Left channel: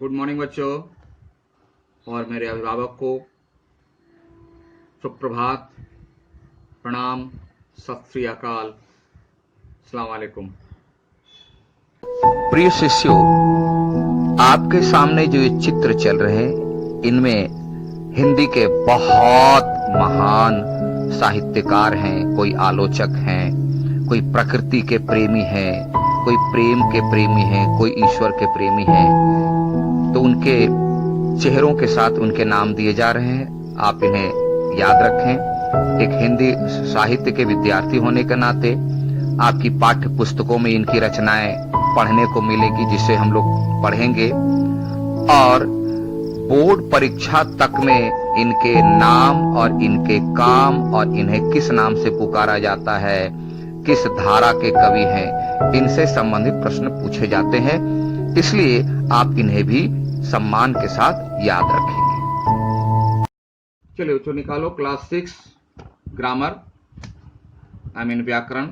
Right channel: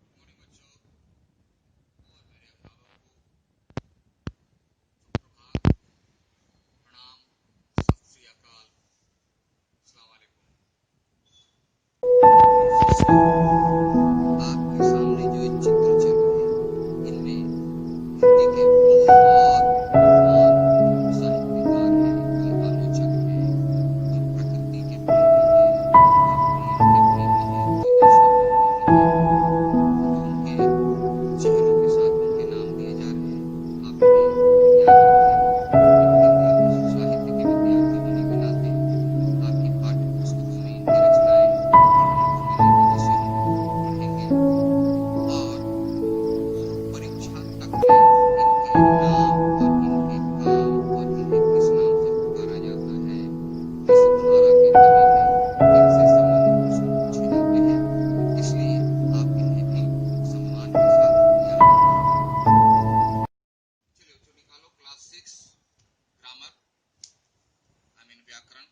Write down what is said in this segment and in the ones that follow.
Good morning बच्चों और मेरे अभिभावक को सुप्रभात, प्रणाम, सत श्री अकाल, अस्सलाम वालेकुम। प्रिय शिष्यों, आपके सामने जो ये चित्र चल रहे हैं, इनमें हिंदी के बहुत महान साहित्यकार हैं। कोई आलोचक हैं, कोई प्रकृति के प्रेमी हैं, कोई प्रेम के प्रेमी हैं, कोई ईश्वर के प्रेमी हैं। तो उनके चेहरों के साथ उनके नाम दिए जा रहे हैं। आप इन्हें याद रखें। एक हिंदी साहित्य के विद्यार्थी होने के नाते आपकी पाठ्य पुस्तकों में इनकी रचनाएं पढ़ने को मिलेगी, जिसे हम लोग पढ़ेंगे। और बोर्ड परीक्षा तक में इनके नाम और इनके काम और इन्हें किस नाम से पुकारा जाता है, किस धारा के कवि हैं, इनसे संबंधित प्रश्न पूछे जाते हैं। इसलिए आप इन्हें भी सम्मान के साथ याद रखेंगे। चलिए बच्चों, निकालो क्लास 6 ग्रामर, आई मीन व्याकरण,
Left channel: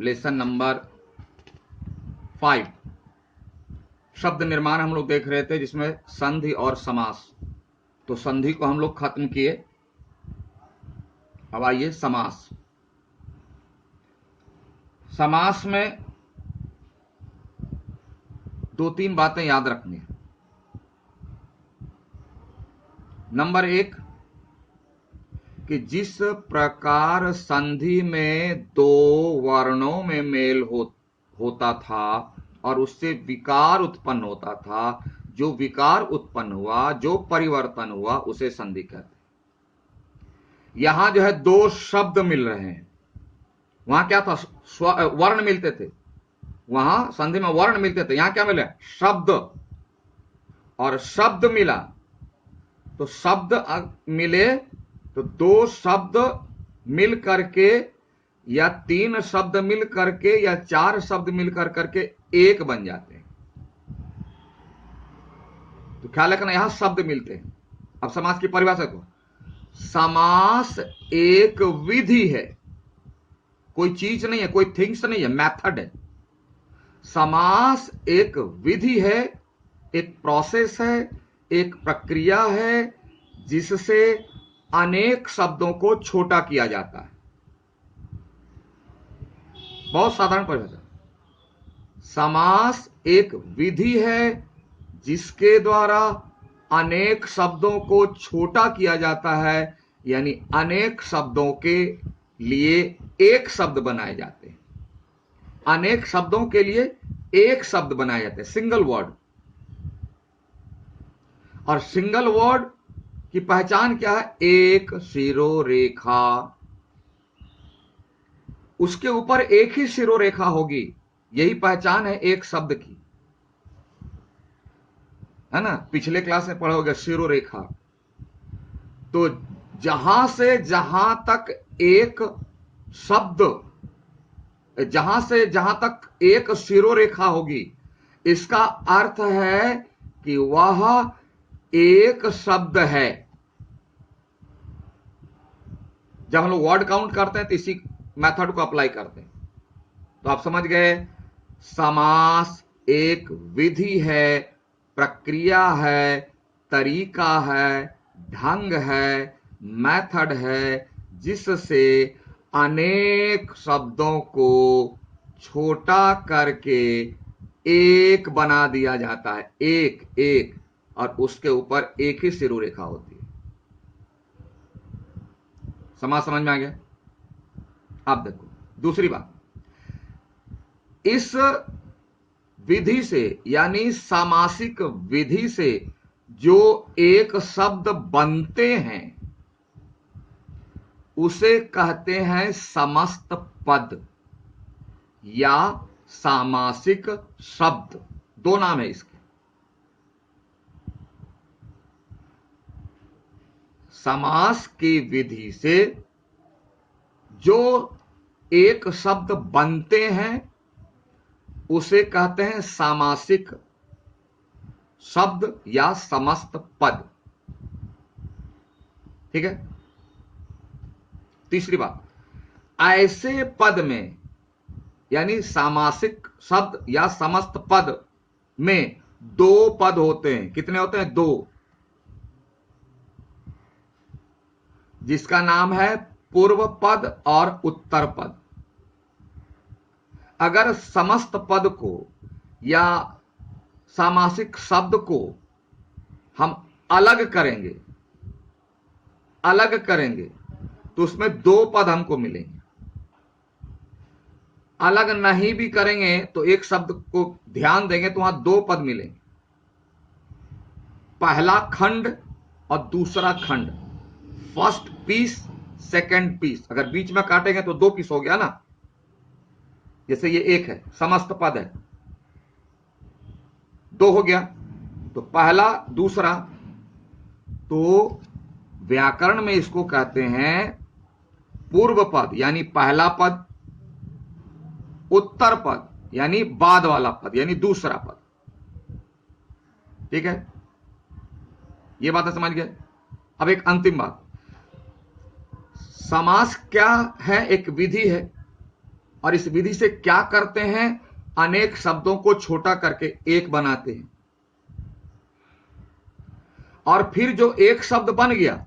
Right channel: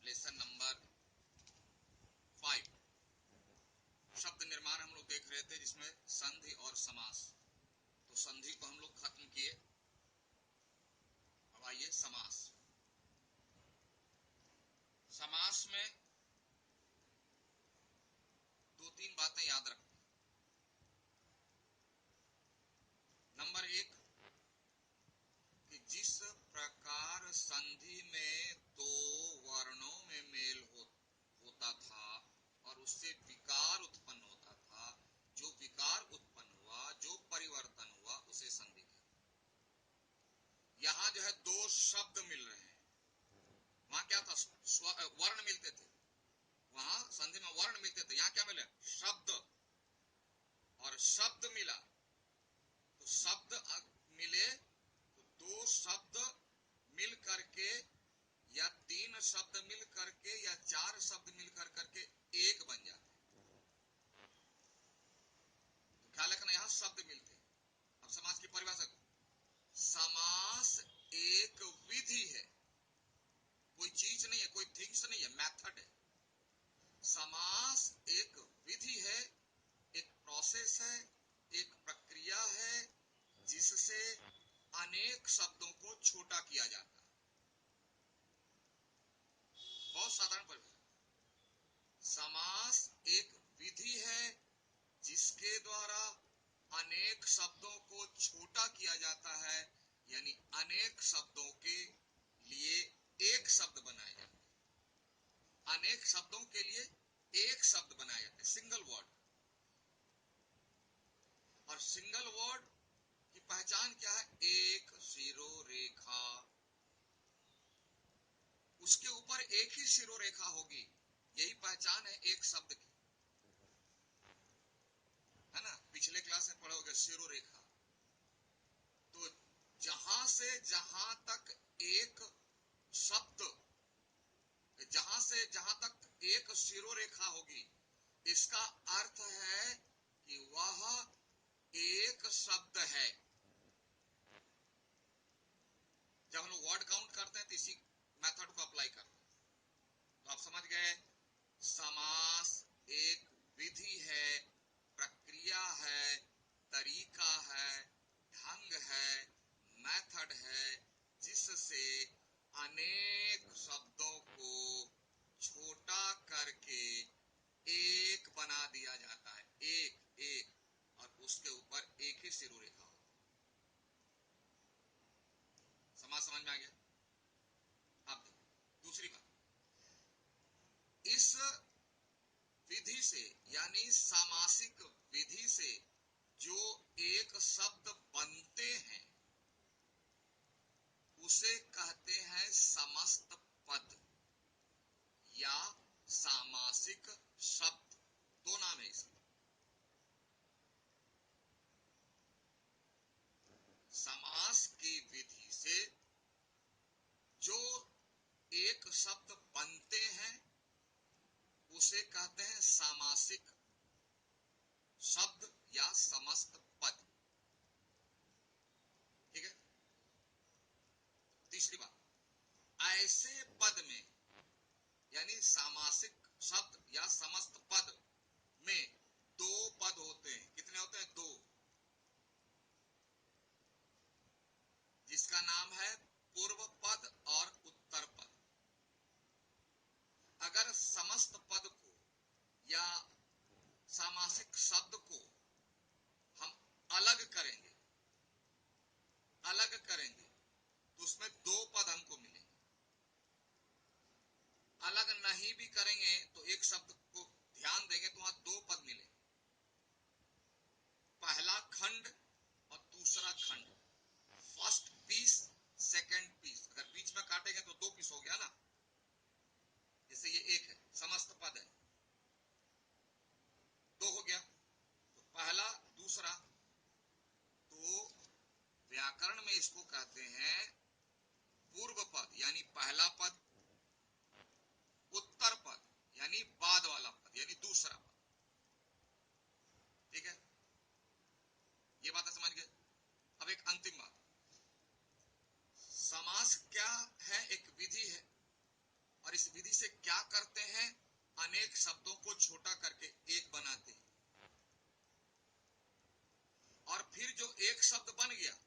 लेसन नंबर 5। शब्द निर्माण हम लोग देख रहे थे, जिसमें संधि और समास। तो संधि को हम लोग खत्म किए। अब आइए समास। समास में दो तीन बातें याद रखनी है। नंबर 1 कि जिस प्रकार संधि में दो वर्णों में मेल होता था और उससे विकार उत्पन्न होता था, जो विकार उत्पन्न हुआ, जो परिवर्तन हुआ, उसे संधि कहते हैं। यहां जो है दो शब्द मिल रहे हैं। वहां क्या था? वर्ण मिलते थे। वहां संधि में वर्ण मिलते थे, यहां क्या मिले? शब्द। और शब्द मिला तो शब्द मिले तो दो शब्द मिल करके, या तीन शब्द मिल करके, या चार शब्द मिल करके एक बन जाते हैं। तो ख्याल रखना, यहां शब्द मिलते हैं। अब समास की परिभाषा को, समास एक विधि है, कोई चीज नहीं है, कोई थिंग्स नहीं है, मेथड है। समास एक विधि है, एक प्रोसेस है, एक प्रक्रिया है, जिससे अनेक शब्दों को छोटा किया जाता है। बहुत साधारण परिभाषा। समास एक विधि है जिसके द्वारा अनेक शब्दों को छोटा किया जाता है, यानी अनेक शब्दों के लिए एक शब्द बनाए जाते हैं। अनेक शब्दों के लिए एक शब्द बनाए जाते हैं, सिंगल वर्ड। और सिंगल वर्ड की पहचान क्या है? एक शिरोरेखा, उसके ऊपर एक ही शिरोरेखा होगी। यही पहचान है एक शब्द की, है ना? पिछले क्लास में पढ़ा होगा शिरोरेखा। तो जहां से जहां तक एक शब्द, जहां से जहां तक एक शिरोरेखा होगी, इसका अर्थ है कि वह एक शब्द है। जब हम लोग वर्ड काउंट करते हैं तो इसी मेथड को अप्लाई करते हैं। तो आप समझ गए, समास एक विधि है, प्रक्रिया है, तरीका है, ढंग है, मेथड है, जिससे अनेक शब्दों को छोटा करके एक बना दिया जाता है। एक एक, और उसके ऊपर एक ही शिरोरेखा होती है। समास समझ में आ गया? अब देखो दूसरी बात, इस विधि से, यानी सामासिक विधि से जो एक शब्द बनते हैं, उसे कहते हैं समस्त पद या सामासिक शब्द। दो नाम है इसके। समास की विधि से जो एक शब्द बनते हैं, उसे कहते हैं सामासिक शब्द या समस्त पद। ठीक है? तीसरी बात, ऐसे पद में, यानी सामासिक शब्द या समस्त पद में दो पद होते हैं। कितने होते हैं? दो, जिसका नाम है पूर्व पद और उत्तर पद। अगर समस्त पद को या सामासिक शब्द को हम अलग करेंगे, तो उसमें दो पद हमको मिलेंगे। अलग नहीं भी करेंगे तो एक शब्द को ध्यान देंगे तो वहां दो पद मिलेंगे, पहला खंड और दूसरा खंड, फर्स्ट पीस सेकंड पीस। अगर बीच में काटेंगे तो दो पीस हो गया ना। जैसे ये एक है, समस्त पद है, दो हो गया, तो पहला दूसरा। तो व्याकरण में इसको कहते हैं पूर्व पद यानी पहला पद, उत्तर पद यानी बाद वाला पद यानी दूसरा पद। ठीक है, ये बात समझ गए। अब एक अंतिम बात, समास क्या है? एक विधि है, और इस विधि से क्या करते हैं? अनेक शब्दों को छोटा करके एक बनाते हैं, और फिर जो एक शब्द बन गया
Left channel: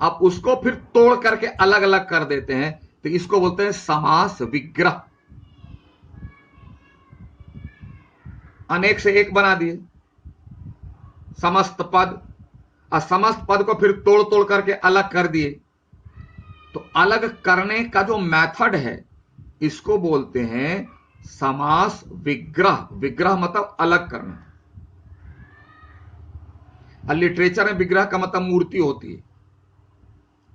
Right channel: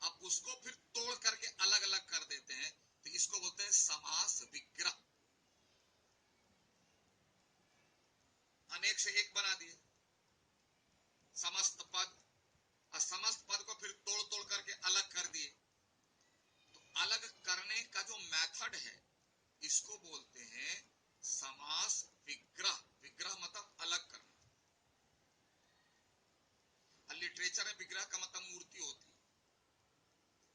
अब उसको फिर तोड़ करके अलग अलग कर देते हैं। तो इसको बोलते हैं समास विग्रह। अनेक से एक बना दिए समस्त पद, और समस्त पद को फिर तोड़ तोड़ करके अलग कर दिए। तो अलग करने का जो मेथड है इसको बोलते हैं समास विग्रह। विग्रह मतलब अलग करना। और लिटरेचर में विग्रह का मतलब मूर्ति होती है,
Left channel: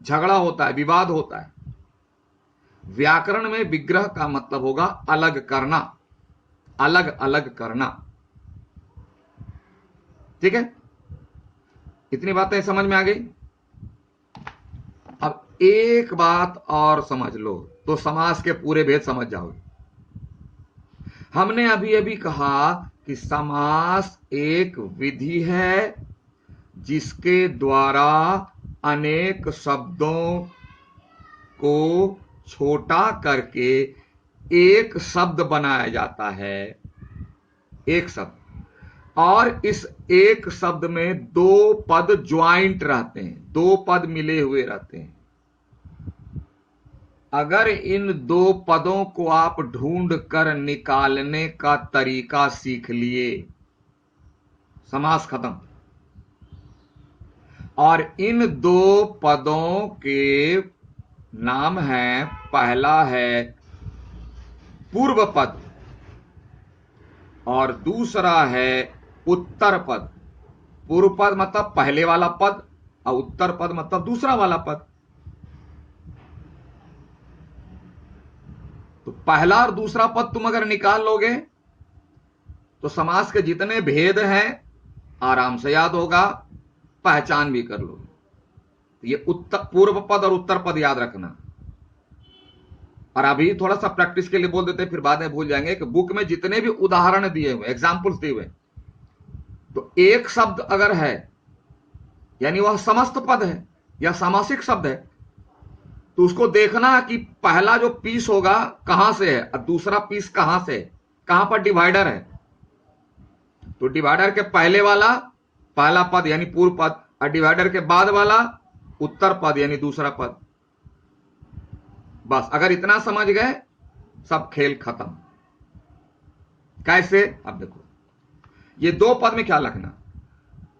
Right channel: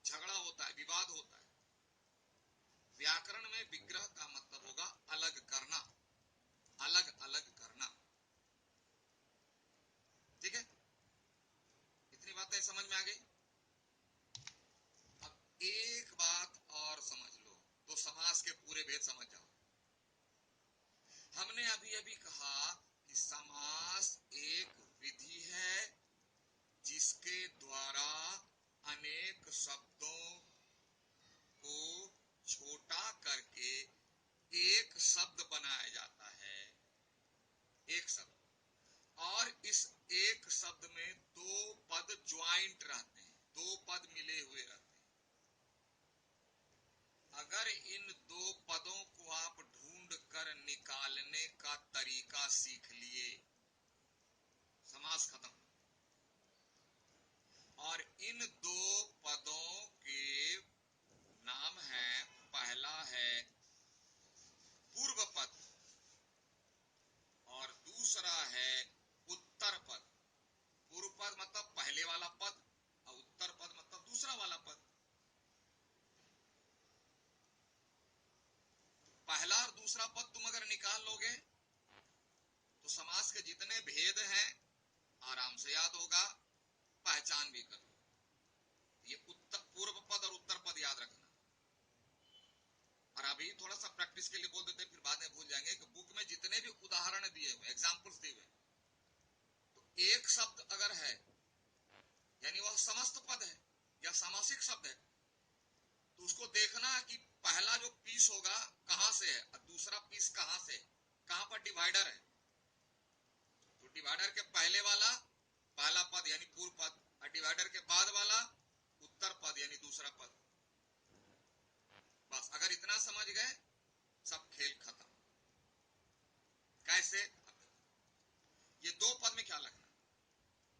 झगड़ा होता है, विवाद होता है। व्याकरण में विग्रह का मतलब होगा अलग करना, अलग अलग करना। ठीक है, इतनी बातें समझ में आ गई। अब एक बात और समझ लो तो समास के पूरे भेद समझ जाओगे। हमने अभी अभी कहा कि समास एक विधि है जिसके द्वारा अनेक शब्दों को छोटा करके एक शब्द बनाया जाता है। एक शब्द, और इस एक शब्द में दो पद ज्वाइंट रहते हैं, दो पद मिले हुए रहते हैं। अगर इन दो पदों को आप ढूंढ कर निकालने का तरीका सीख लिए, समास खत्म। और इन दो पदों के नाम है, पहला है पूर्व पद और दूसरा है उत्तर पद। पूर्व पद मतलब पहले वाला पद, और उत्तर पद मतलब दूसरा वाला पद। तो पहला और दूसरा पद तुम अगर निकाल लोगे तो समास के जितने भेद हैं आराम से याद होगा, पहचान भी कर लोगे। ये उत्तर पूर्व पद और उत्तर पद याद रखना। और अभी थोड़ा सा प्रैक्टिस के लिए बोल देते, फिर बाद में भूल जाएंगे कि बुक में जितने भी उदाहरण दिए हुए, एग्जाम्पल्स दिए हुए, तो एक शब्द अगर है यानी वह समस्त पद है या सामासिक शब्द है, तो उसको देखना कि पहला जो पीस होगा कहां से है और दूसरा पीस कहां से है, कहां पर डिवाइडर है। तो डिवाइडर के पहले वाला पहला पद यानी पूर्व पद, और डिवाइडर के बाद वाला उत्तर पद यानी दूसरा पद। बस अगर इतना समझ गए सब खेल खत्म। कैसे? अब देखो, ये दो पद में क्या लिखना,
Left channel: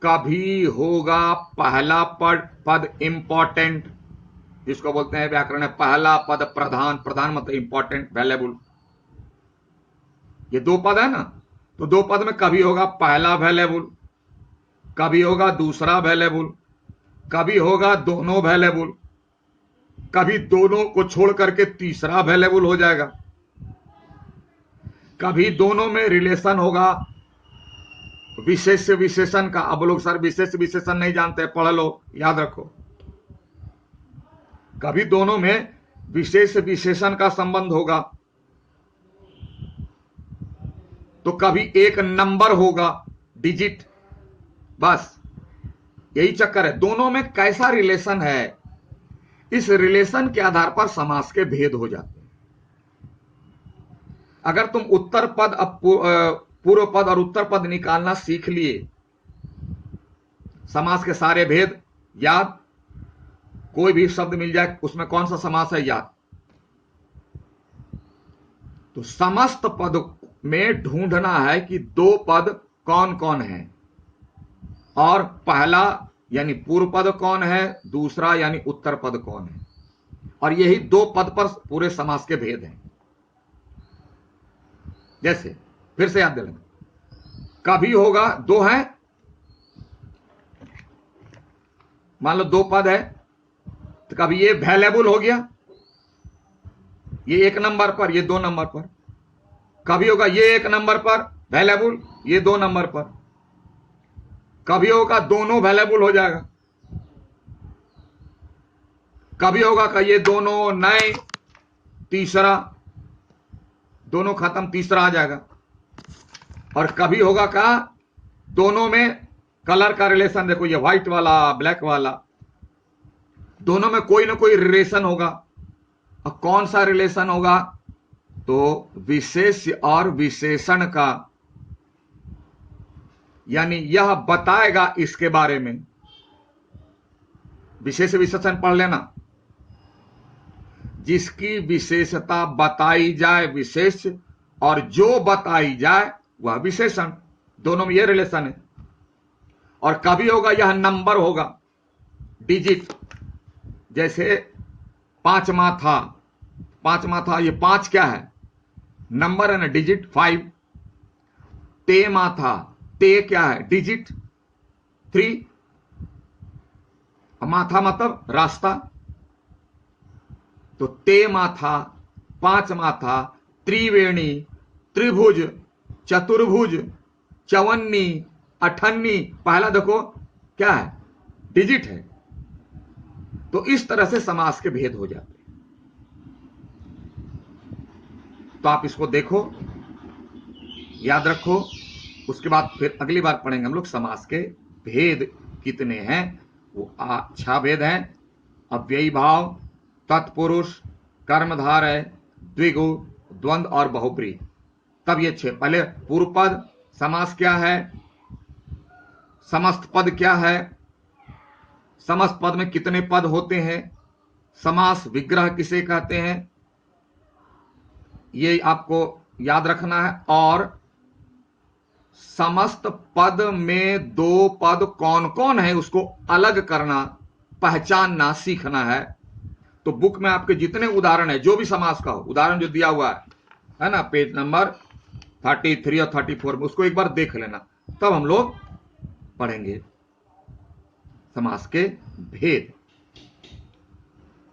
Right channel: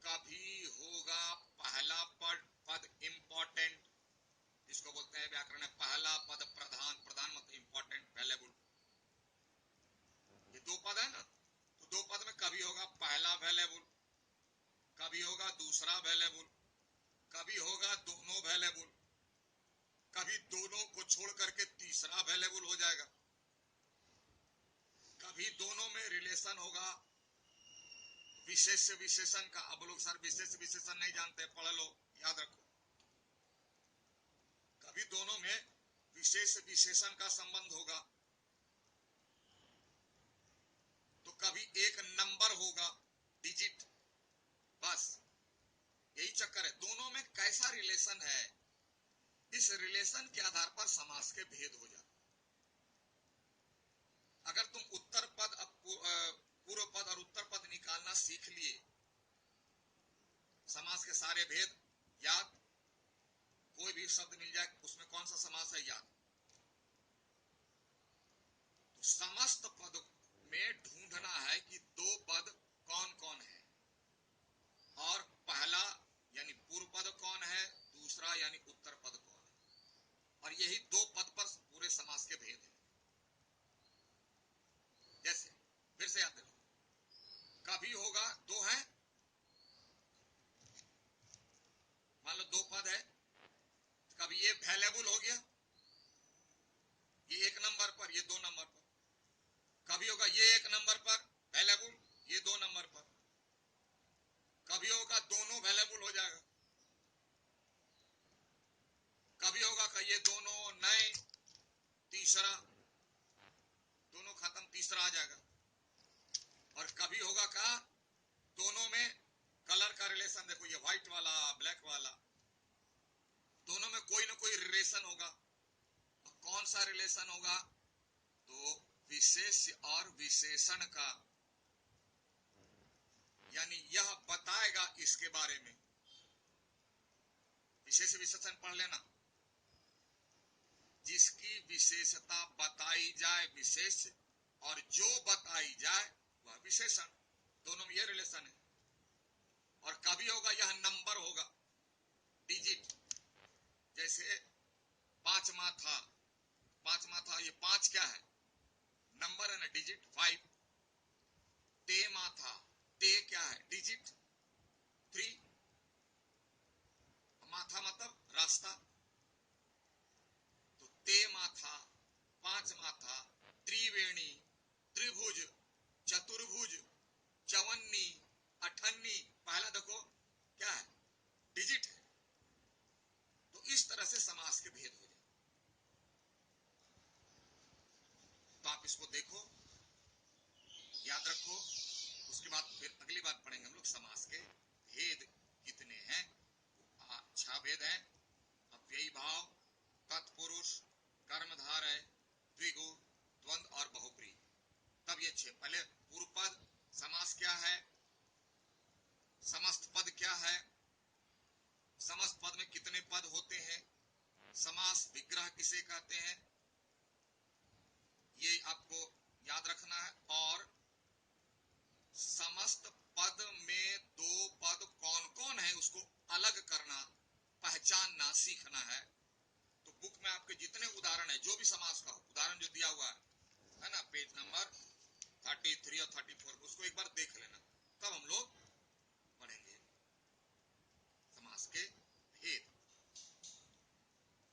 कभी होगा पहला पद इंपॉर्टेंट, जिसको बोलते हैं व्याकरण में पहला पद प्रधान। प्रधान मतलब इंपॉर्टेंट, वैल्यूएबल। ये दो पद है ना, तो दो पद में कभी होगा पहला वैल्यूएबल, कभी होगा दूसरा वैल्यूएबल, कभी होगा दोनों वैल्यूएबल, कभी दोनों को छोड़ करके तीसरा वैल्यूएबल हो जाएगा, कभी दोनों में रिलेशन होगा विशेष विशेषण का। अब लोग सर विशेष विशेषण नहीं जानते, पढ़ लो, याद रखो। कभी दोनों में विशेष विशेषण का संबंध होगा, तो कभी एक नंबर होगा, डिजिट। बस यही चक्कर है, दोनों में कैसा रिलेशन है, इस रिलेशन के आधार पर समास के भेद हो जाते हैं। अगर तुम उत्तर पद पूर्व पद और उत्तर पद निकालना सीख लिए, समास के सारे भेद याद, कोई भी शब्द मिल जाए उसमें कौन सा समास है याद। तो समस्त पद में ढूंढना है कि दो पद कौन कौन है, और पहला यानी पूर्व पद कौन है, दूसरा यानी उत्तर पद कौन है, और यही दो पद पर पूरे समास के भेद हैं। जैसे फिर से याद दिलाना, कभी होगा दो है, मान लो दो पद है, तो कभी ये वैल्यूएबल हो गया, ये एक नंबर पर, ये दो नंबर पर। कभी होगा ये एक नंबर पर वैल्यूएबल, ये दो नंबर पर। कभी होगा दोनों वैल्यूएबल हो जाएगा, कभी होगा कि ये दोनों नए, तीसरा दोनों खत्म, तीसरा आ जाएगा। और कभी होगा का दोनों में कलर का रिलेशन, देखो ये व्हाइट वाला ब्लैक वाला, दोनों में कोई ना कोई रिलेशन होगा। और कौन सा रिलेशन होगा, तो विशेष और विशेषण का, यानी यह बताएगा इसके बारे में। विशेष विशेषण पढ़ लेना, जिसकी विशेषता बताई जाए विशेष, और जो बताई जाए वह विशेषण, दोनों में यह रिलेशन है। और कभी होगा यह नंबर होगा, डिजिट, जैसे पांचवा था, पांचवा था, ये पांच क्या है, नंबर है ना, डिजिट 5। तेमा था, ते क्या है, डिजिट 3। माथा मतलब रास्ता, तो ते माथा, पांच माथा, त्रिवेणी, त्रिभुज, चतुर्भुज, चवन्नी, अठन्नी, पहला देखो क्या है, डिजिट है। तो इस तरह से समास के भेद हो जाते हैं। तो आप इसको देखो, याद रखो, उसके बाद फिर अगली बार पढ़ेंगे हम लोग समास के भेद कितने हैं। वो 6 भेद हैं, अव्ययी भाव, तत्पुरुष, कर्मधारय, द्विगु, द्वंद्व और बहुब्रीहि। तब ये 6, पहले पूर्व पद, समास क्या है, समस्त पद क्या है, समस्त पद में कितने पद होते हैं, समास विग्रह किसे कहते हैं, ये आपको याद रखना है। और समस्त पद में दो पद कौन कौन है उसको अलग करना, पहचानना सीखना है। तो बुक में आपके जितने उदाहरण है, जो भी समास का हो, उदाहरण जो दिया हुआ है ना, पेज नंबर 33 और 34 में, उसको एक बार देख लेना, तब हम लोग पढ़ेंगे समास के भेद।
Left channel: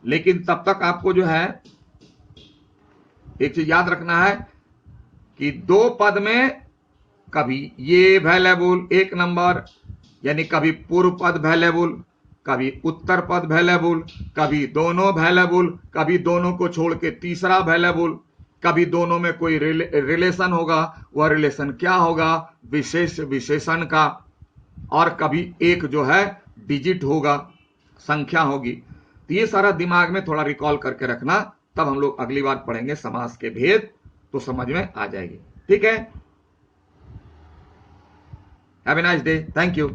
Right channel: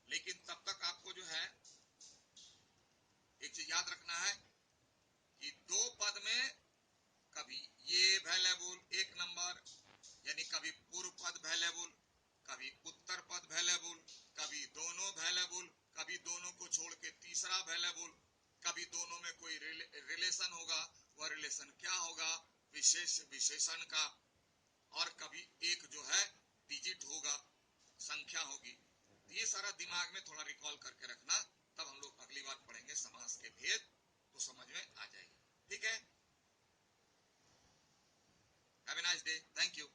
लेकिन तब तक आपको जो है एक चीज याद रखना है कि दो पद में कभी ये वैल्यूएबल एक नंबर, यानी कभी पूर्व पद वैल्यूएबल, कभी उत्तर पद वैल्यूएबल, कभी दोनों वैल्यूएबल, कभी दोनों को छोड़ के तीसरा वैल्यूएबल, कभी दोनों में कोई रिलेशन होगा, वह रिलेशन क्या होगा, विशेष विशेषण का, और कभी एक जो है डिजिट होगा, संख्या होगी। तो ये सारा दिमाग में थोड़ा रिकॉल करके रखना, तब हम लोग अगली बार पढ़ेंगे समास के भेद, तो समझ में आ जाएगी। ठीक है, have a nice day, thank you.